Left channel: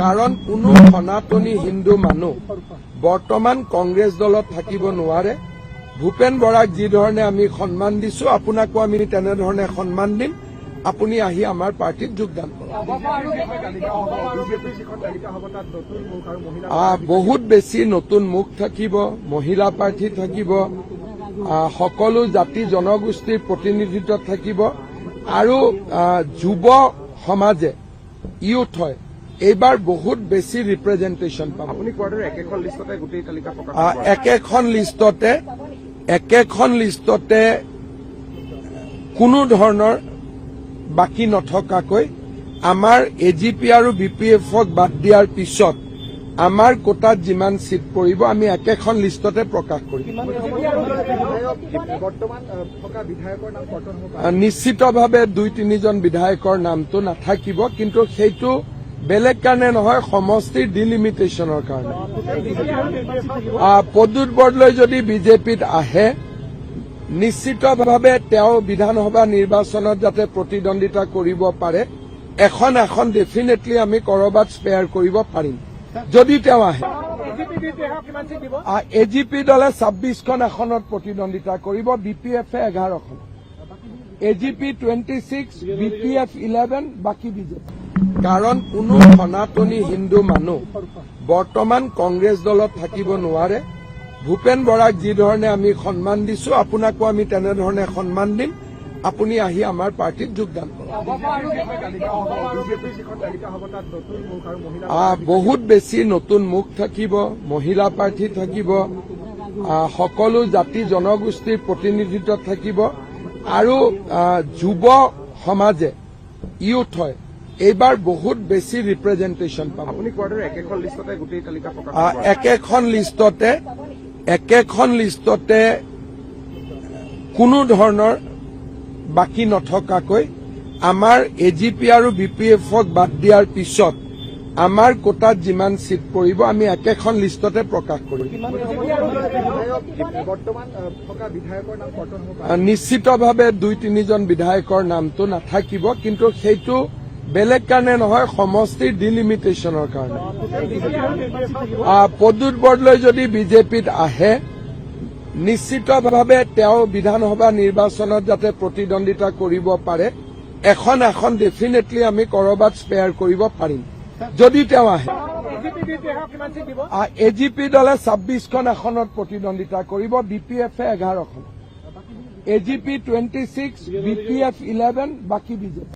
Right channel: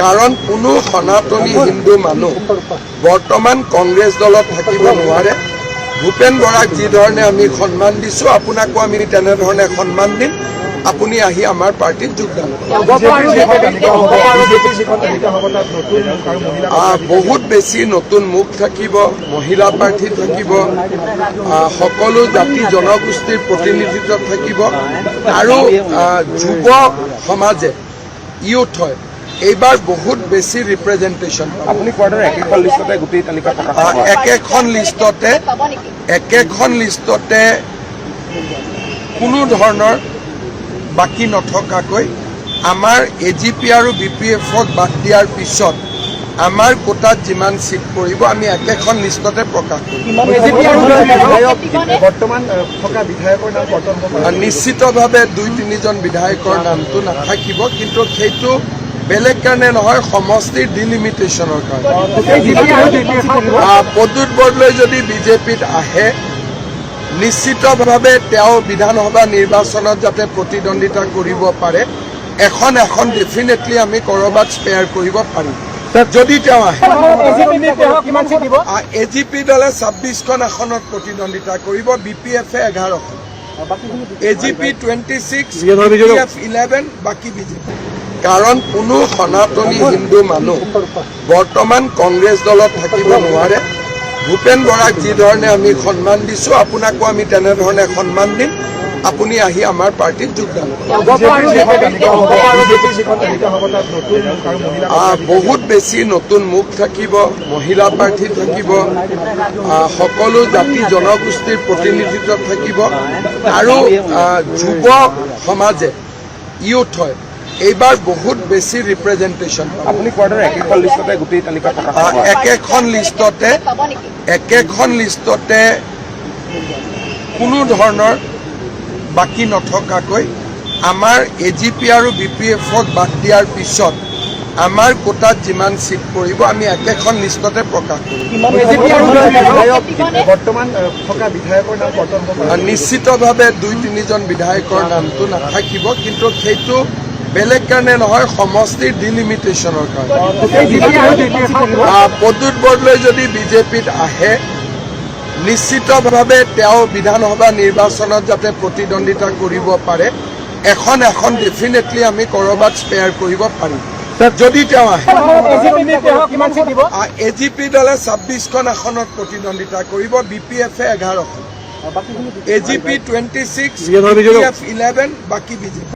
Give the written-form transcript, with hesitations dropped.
কাৰণ কোনো সনাতনী হিন্দু মানুহ বৰ্তমান কংগ্ৰেছ দলত থাকিব নোৱাৰে। ভূপেন বৰাক যি ধৰণে আমি সন্মান দিছোঁ, আপোনাকো আমি তেনেধৰণে সন্মান দিম। আপুনি আহি আমাৰ পাৰ্টিত যোগদান বহুত বেছি নতুন মুখ থাকিব, মহিলা প্ৰাৰ্থী থাকিব, সকলো জাতি জনগোষ্ঠীৰ প্ৰতিনিধিত্ব থাকিব আৰু যুৱ সমাজে ইউথ হয় এইবাৰ বহুত বেছি ৰিপ্ৰেজেণ্টেশ্যন। আপুনি কোৱাৰ দৰে একেখন লিষ্টতে গোটেই তালিকা একেখন লিষ্টতে কোনো ধৰণৰ বাকী নথকাকৈ আমাৰ AGP আৰু BPF-ক বাদ দিয়াৰ পিছত আমাৰ কোটাত যিমান চিট পৰিব আমি একেখন লিষ্টতে প্ৰকাশ কৰিম। নিশ্চিতভাৱে 2-3জন বিধায়কৰ নামটো নাথাকিব, কিন্তু সেইটো বেলেগ কাৰণে নহয়, সমষ্টিৰ ডিলিমিটেশ্যনৰ কাৰণে। প্ৰদ্যুৎ বৰদলৈ যদি বিজেপিত আহে, নিশ্চিতভাৱে তেওঁ বিধানসভা নিৰ্বাচনত যাতে প্ৰতিদ্বন্দ্বিতা কৰিব পাৰে, এখন ডেফিনেটলি আমি ক'ৰবাত স্পেয়াৰ কৰিব পাৰিম যদি তেওঁ আহে। AGP দলে 26খন আসনত প্ৰতিদ্বন্দ্বিতা কৰিব, BPF-এ 11খন, AGP 26, BPF 11, বাকী BJP। কাৰণ কোনো সনাতনী হিন্দু মানুহ বৰ্তমান কংগ্ৰেছ দলত থাকিব নোৱাৰে। ভূপেন বৰাক যি ধৰণে আমি সন্মান দিছোঁ, আপোনাকো আমি তেনেধৰণে সন্মান দিম। আপুনি আহি আমাৰ পাৰ্টিত যোগদান বহুত বেছি নতুন মুখ থাকিব, মহিলা প্ৰাৰ্থী থাকিব, সকলো জাতি জনগোষ্ঠীৰ প্ৰতিনিধিত্ব থাকিব আৰু যুৱ সমাজে ইউথ হয় এইবাৰ বহুত বেছি ৰিপ্ৰেজেণ্টেশ্যন। আপুনি কোৱাৰ দৰে একেখন লিষ্টতে গোটেই তালিকা একেখন লিষ্টতে কোনো ধৰণৰ বাকী নথকাকৈ আমাৰ AGP আৰু BPF-ক বাদ দিয়াৰ পিছত আমাৰ কোটাত যিমান চিট পৰিব আমি একেখন লিষ্টতে প্ৰকাশ কৰিম। নিশ্চিতভাৱে 2-3জন বিধায়কৰ নামটো নাথাকিব, কিন্তু সেইটো বেলেগ কাৰণে নহয়, সমষ্টিৰ ডিলিমিটেশ্যনৰ কাৰণে। প্ৰদ্যুৎ বৰদলৈ যদি বিজেপিত আহে, নিশ্চিতভাৱে তেওঁ বিধানসভা নিৰ্বাচনত যাতে প্ৰতিদ্বন্দ্বিতা কৰিব পাৰে, এখন ডেফিনেটলি আমি ক'ৰবাত স্পেয়াৰ কৰিব পাৰিম যদি তেওঁ আহে। AGP দলে 26খন আসনত প্ৰতিদ্বন্দ্বিতা কৰিব, BPF-এ 11খন, AGP 26, BPF 11, বাকী BJP।